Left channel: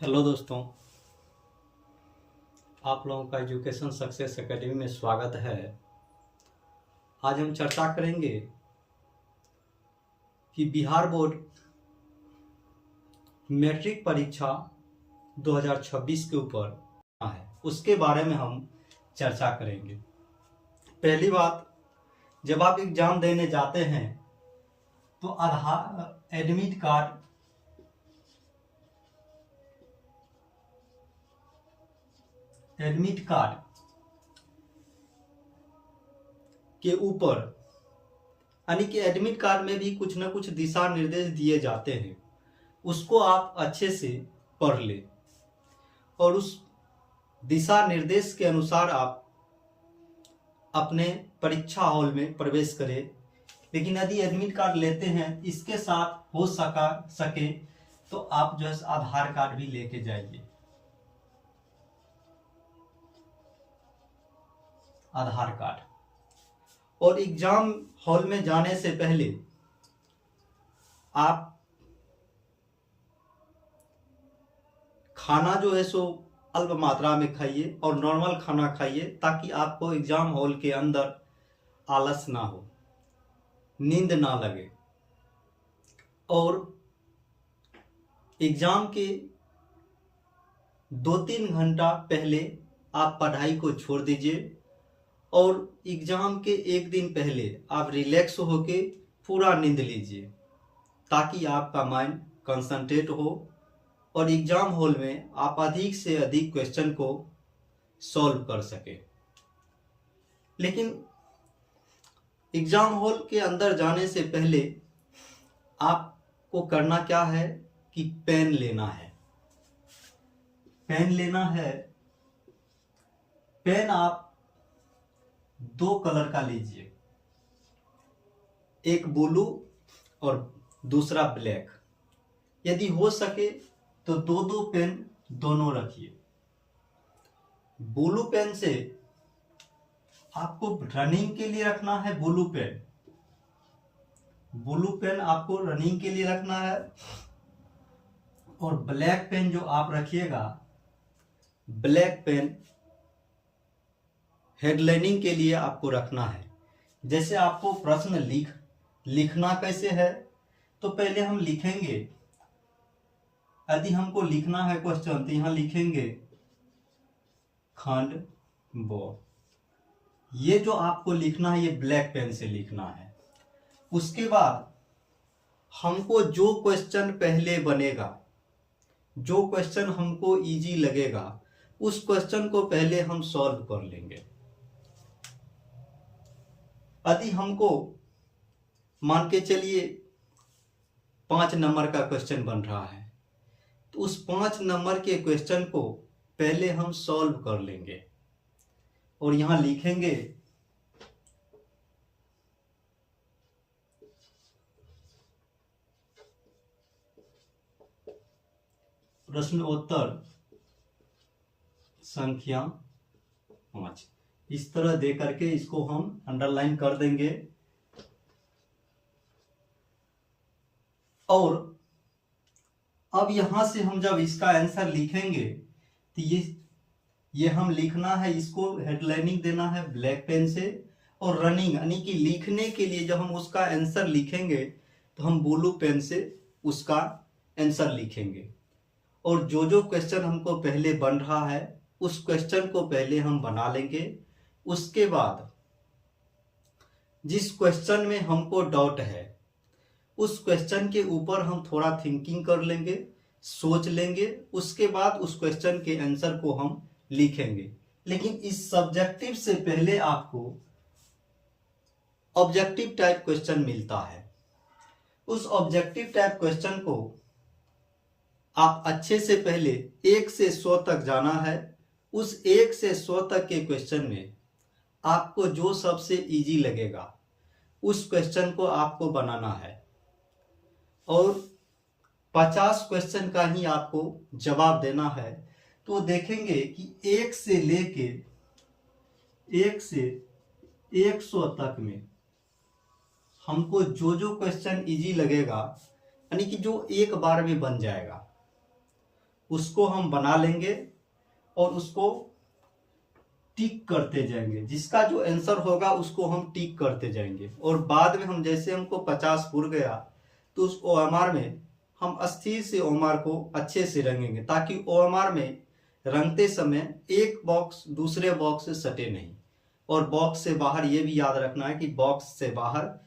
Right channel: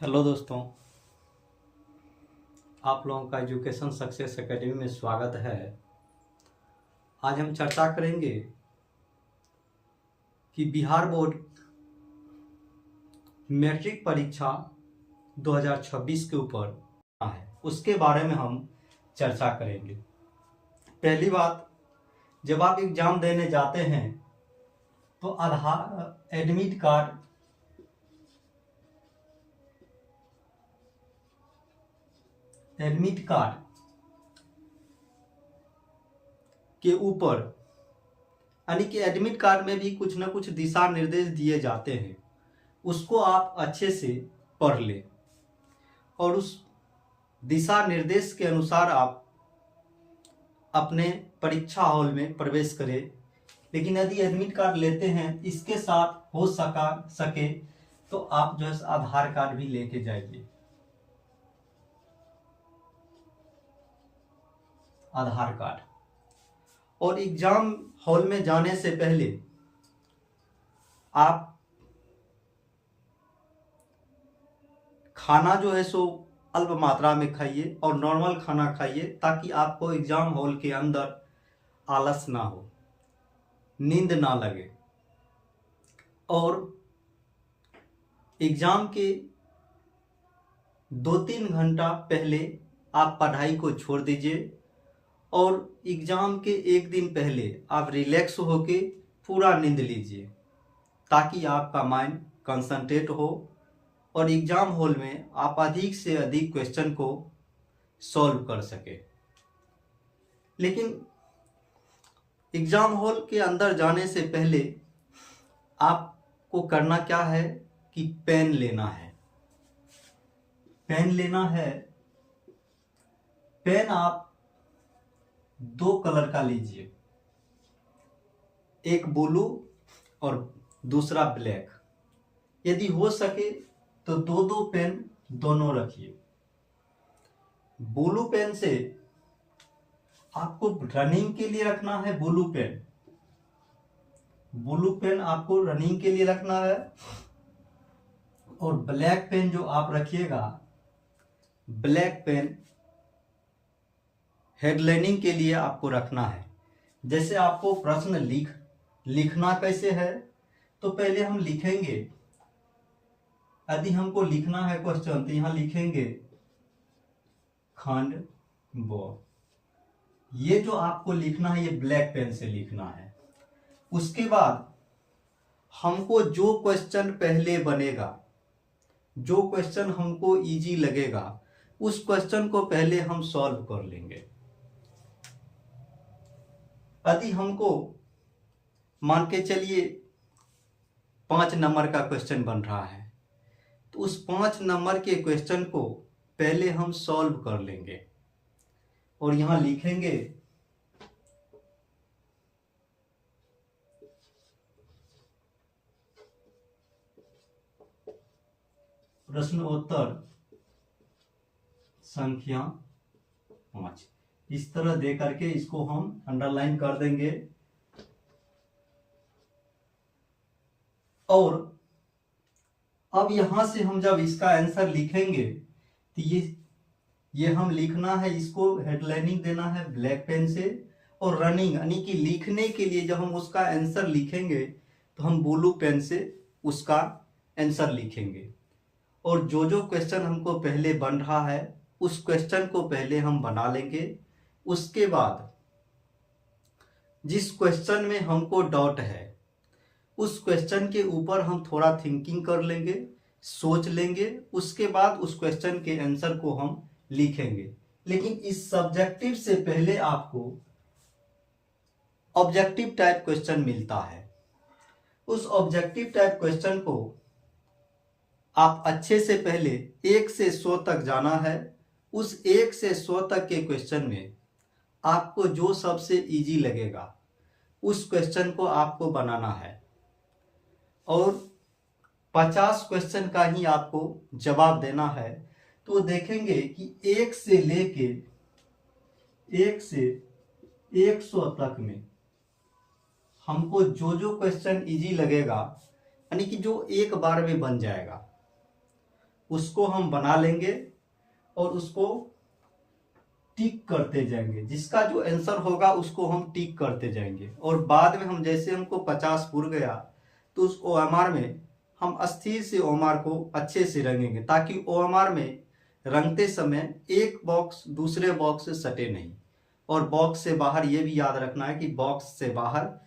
Hello दोस्तों, आप लोगों का एजुकेशन सक्सेस एकेडमी में स्वागत है। आज हम चर्चा करेंगे कि बिहार बोर्ड मैट्रिक परीक्षा 2026 के ऊपर है, उसके बारे में हम चर्चा करेंगे। पहली बात, जब आप एग्ज़ाम देने जाते हैं तो आधार एडमिट कार्ड के ऊपर यानी कि एडमिट कार्ड में भी कुछ ना कुछ दिशा निर्देश दिए जाते हैं, उसको आप अच्छे से पढ़ लें और उस दिशा निर्देश के अनुसार आप अपने परीक्षा हॉल में प्रवेश करें। लेकिन यदि एडमिट कार्ड लेते हैं, इसके साथ हो सके तो आप जो है आधार कार्ड भी लेके जाइए। आधार कार्ड। और एग्जाम हॉल में जाने से पहले आप खाना जो है सो अल्प मात्रा में खाइए और नॉर्मल खाना खाइए, ताकि आपको एग्जाम हॉल के अंदर आलस ना हो, नींद ना लगे। और एग्जाम के 2-3 घंटा पहले आप पढ़ाई को छोड़ दीजिए और एग्जाम के एक दिन पहले आप रिलैक्स होके पूरा नींद लीजिए, ताकि आपका माइंड कंसंट्रेट हो और एग्जाम हॉल में आप अधिक से अधिक क्वेश्चन को सॉल्व कर सके। लेकिन एग्जाम हॉल के अंदर जाने से पहले आपको करना क्या है कि पेन लेना है। पेन आप 2 कलर का लीजिए, एक ब्लू और दूसरा ब्लैक। यदि हो सके तो 2-2 पेन दोनों रखिए। ब्लू पेन से आपको रनिंग के लिए रखना है, ब्लू पेन आपको रनिंग के लिए रखना है। और ब्लैक पेन जो आप रखिएगा, ब्लैक पेन हेडलाइनिंग के लिए आपको रखना है। जैसे आपको प्रश्न लिखना कैसे है, तो पहले हम लिखेंगे। यदि हमको लिखना है क्वेश्चन, तो यहां लिखेंगे खंड ब। ये जो आपको लिखना है, ये ब्लैक पेन से लिखना है। उसके बाद हमको जो क्वेश्चन पहले बनेगा, जो क्वेश्चन हमको इजी लगेगा, उस क्वेश्चन को पहले हम सॉल्व कर लेंगे। यदि हमको मान के चलिए 5 नंबर का क्वेश्चन बन रहा है, तो उस 5 नंबर के क्वेश्चन को पहले हम सॉल्व कर लेंगे और यहां लिखेंगे प्रश्नोत्तर संख्या 5। इस तरह दे करके इसको हम अंडरलाइन कर देंगे। और अब यहां से हम जब इसका आंसर लिखेंगे, तो ये हम लिखना है, इसको हेडलाइनिंग देना है ब्लैक पेन से। और रनिंग यानी कि लिखने के लिए जब हम उसका आंसर लिखेंगे, तो हम ब्लू पेन से उसका आंसर लिखेंगे। और जो जो क्वेश्चन हमको पहले बन रहा है, उस क्वेश्चन को पहले हम बना लेंगे। उसके बाद जिस क्वेश्चन में हमको डाउट है, उस क्वेश्चन के ऊपर हम थोड़ा थिंकिंग कर लेंगे, सोच लेंगे। उसके बाद उस क्वेश्चन के आंसर को हम लिखेंगे। लेकिन इस सब्जेक्टिव से पहले आपको ऑब्जेक्टिव टाइप क्वेश्चन मिलता है। उस ऑब्जेक्टिव टाइप क्वेश्चन को आप अच्छे से पहले 1 से 100 तक जाना है। उस 1 से 100 तक के क्वेश्चन में आपको जो सबसे इजी लगेगा, उस क्वेश्चन को आपको बनाना है। और 50 क्वेश्चन का ही आपको जवाब देना है। तो देखेंगे कि 1 से लेके 100 तक में हमको जो जो क्वेश्चन इजी लगेगा, यानी कि जो एक बार में बन जाएगा, उसको हम बना लेंगे और उसको टिक करते जाएंगे। जिसका जो आंसर होगा उसको हम टिक करते जाएंगे और बाद में हम जैसे हमको 50 पुर गया तो उस OMR में हम अस्थिर से OMR को अच्छे से रंगेंगे, ताकि OMR में रंगते समय एक बॉक्स दूसरे बॉक्स से सटे नहीं। और बॉक्स से बाहर ये भी याद रखना है कि बॉक्स से बाहर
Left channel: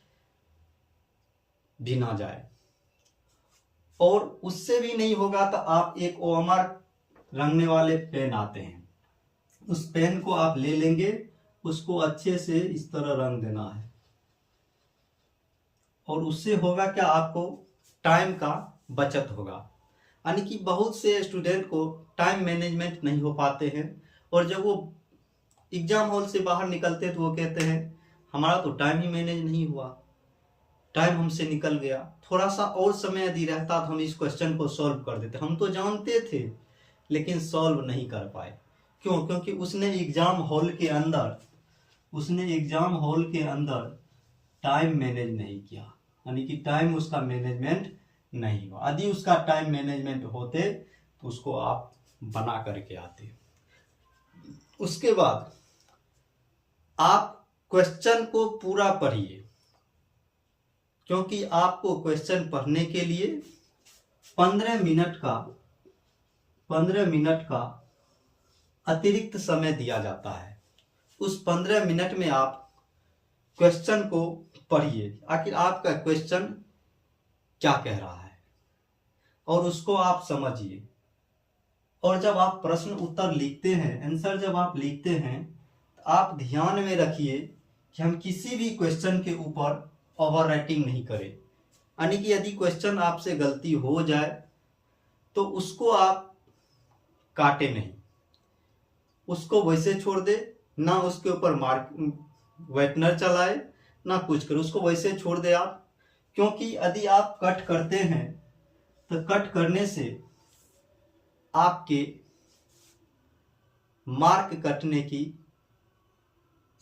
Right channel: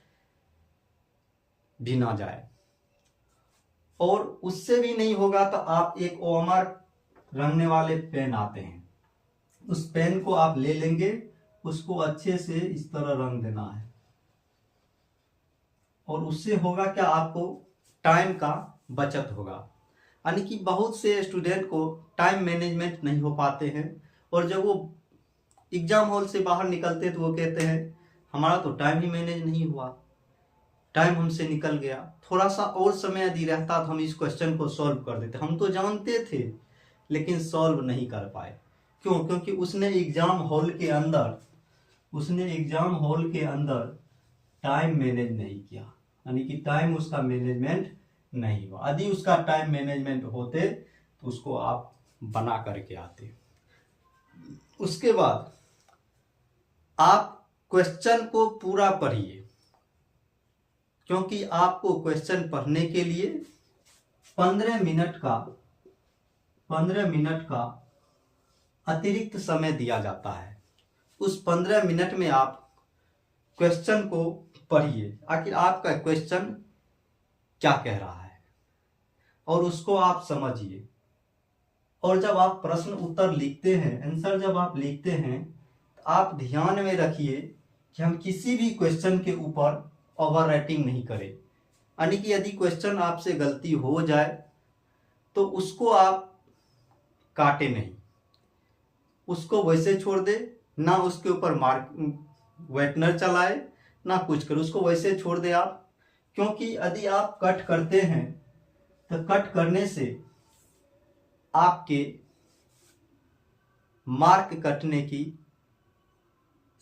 भी ना जाए। और उससे भी नहीं होगा तो आप एक OMR रंगने वाले पेन आते हैं, उस पेन को आप ले लेंगे, उसको अच्छे से इस तरह रंग देना है। और उससे होगा क्या, आपको टाइम का बचत होगा। यानी कि बहुत से स्टूडेंट को टाइम मैनेजमेंट नहीं हो पाते हैं और जब वो एग्जाम हॉल से बाहर निकलते तो वो कहते हैं हमारा तो टाइम ही मैनेज नहीं हुआ, टाइम हमसे निकल गया, थोड़ा सा और समय यदि रहता तो हम इस क्वेश्चन को सॉल्व कर देते। हम तो जानते थे लेकिन सॉल्व नहीं कर पाए। क्यों? क्योंकि उसने एग्जाम हॉल के अंदर टाइम मैनेज नहीं किया, यानी कि टाइम उसका मैनेजमेंट नहीं हुआ। यदि उसका टाइम मैनेजमेंट होते तो उसको आप बना करके आते। उसके बाद आप क्वेश्चन को पूरा पढ़िए, क्योंकि आपको क्वेश्चन पढ़ने के लिए 15 मिनट का अतिरिक्त समय दिया जाता है। उस 15 मिनट में आप क्वेश्चन को पढ़िए, आखिर आपका क्वेश्चन क्या कह रहा है और उसको आप समझिए। और जब आप प्रश्न उत्तर लिखते हैं, आंसर जब आप लिखते हैं, तो आप ध्यान में रखिए कि हम किसी भी क्वेश्चन के ऊपर ओवर राइटिंग नहीं करें। यानी कि यदि क्वेश्चन आपसे गलती हो जाए तो उसको आप काटे नहीं, उसको वैसे छोड़ दे, ना उसके ऊपर व्हाइटनर चलाए ना कुछ करे, उसको वैसे छोड़ दे आप। क्योंकि यदि आप कट करते हैं तो कट करने से आपके मार्क कटने की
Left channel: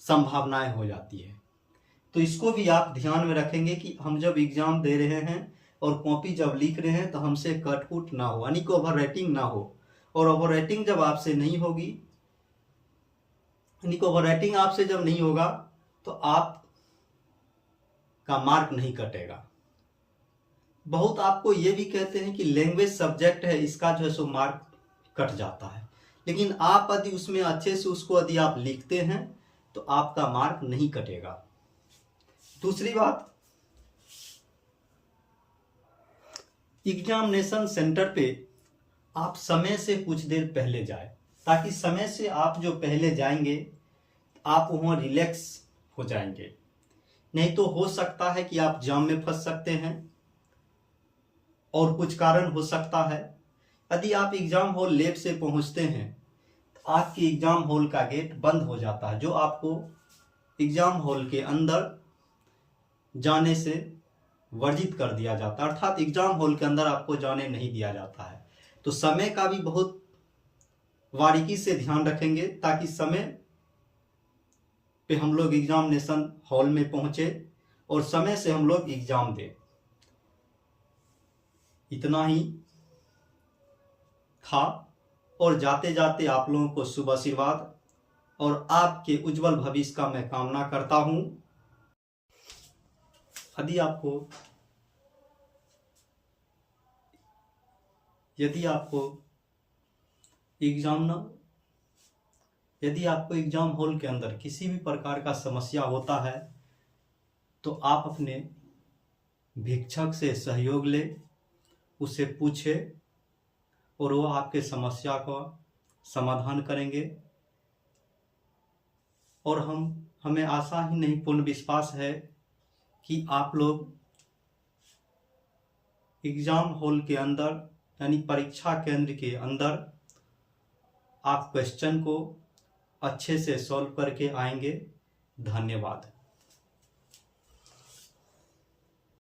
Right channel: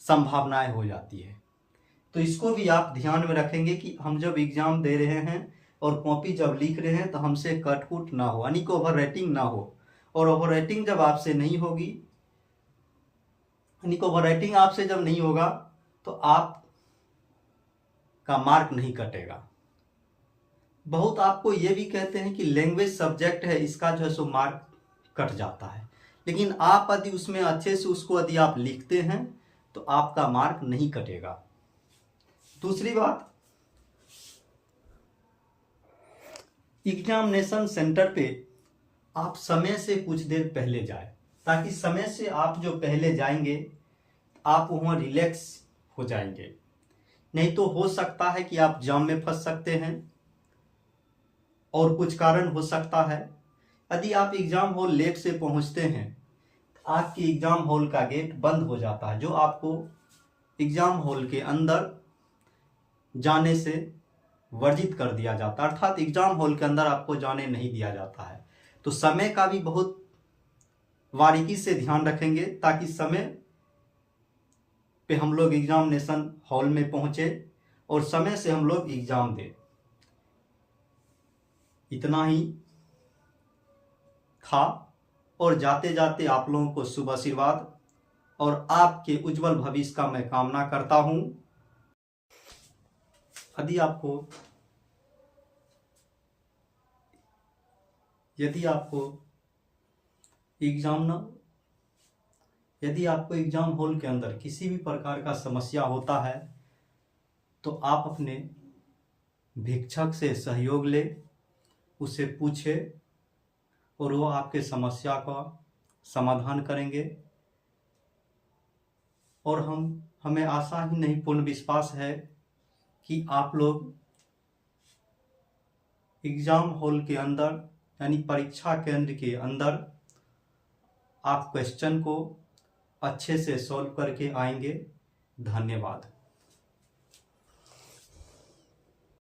संभावनाएं हो जाती है। तो इसको भी आप ध्यान में रखेंगे कि हम जब एग्जाम दे रहे हैं और कॉपी जब लिख रहे हैं तो हमसे कटपुट ना हो, यानी कि ओवर राइटिंग ना हो। और ओवर राइटिंग जब आपसे नहीं होगी, यानी कि ओवर राइटिंग आपसे जब नहीं होगा तो आप का मार्क नहीं कटेगा। बहुत आपको ये भी कहते हैं कि लैंग्वेज सब्जेक्ट है, इसका जो है सो मार्क कट जाता है, लेकिन आप यदि उसमें अच्छे से उसको यदि आप लिखते हैं तो आपका मार्क नहीं कटेगा। दूसरी बात, एग्जामिनेशन सेंटर पे आप समय से कुछ देर पहले जाए, ताकि समय से आप जो पहले जाएंगे आप वहाँ रिलैक्स हो जाएंगे। नहीं तो हो सकता है कि आप जाम में फंस सकते हैं और कुछ कारण हो सकता है। यदि आप एग्जाम हॉल लेट से पहुंचते हैं तो आपके एग्जाम हॉल का गेट बंद हो जाता है, जो आपको एग्जाम हॉल के अंदर जाने से वर्जित कर दिया जाता है, अर्थात एग्जाम हॉल के अंदर आपको जाने नहीं दिया जाता है। तो समय का भी बहुत बारीकी से ध्यान रखेंगे ताकि समय पे हम लोग एग्जामिनेशन हॉल में पहुंचे और समय से हम लोग एग्जाम दें। इतना ही था और जाते जाते आप लोगों को शुभ आशीर्वाद और आपके उज्जवल भविष्य का मैं कामना करता हूं। यदि आपको एग्जाम हॉल के अंदर किसी भी प्रकार का समस्या होता है तो आप अपने भिक्षक से सहयोग ले, उससे पूछे और वो आपके समस्या का समाधान करेंगे। और हमें आशा ही नहीं पूर्ण विश्वास है कि आप लोग एग्जाम हॉल के अंदर यानी परीक्षा केंद्र के अंदर आप क्वेश्चन को अच्छे से सॉल्व करके आएंगे। धन्यवाद।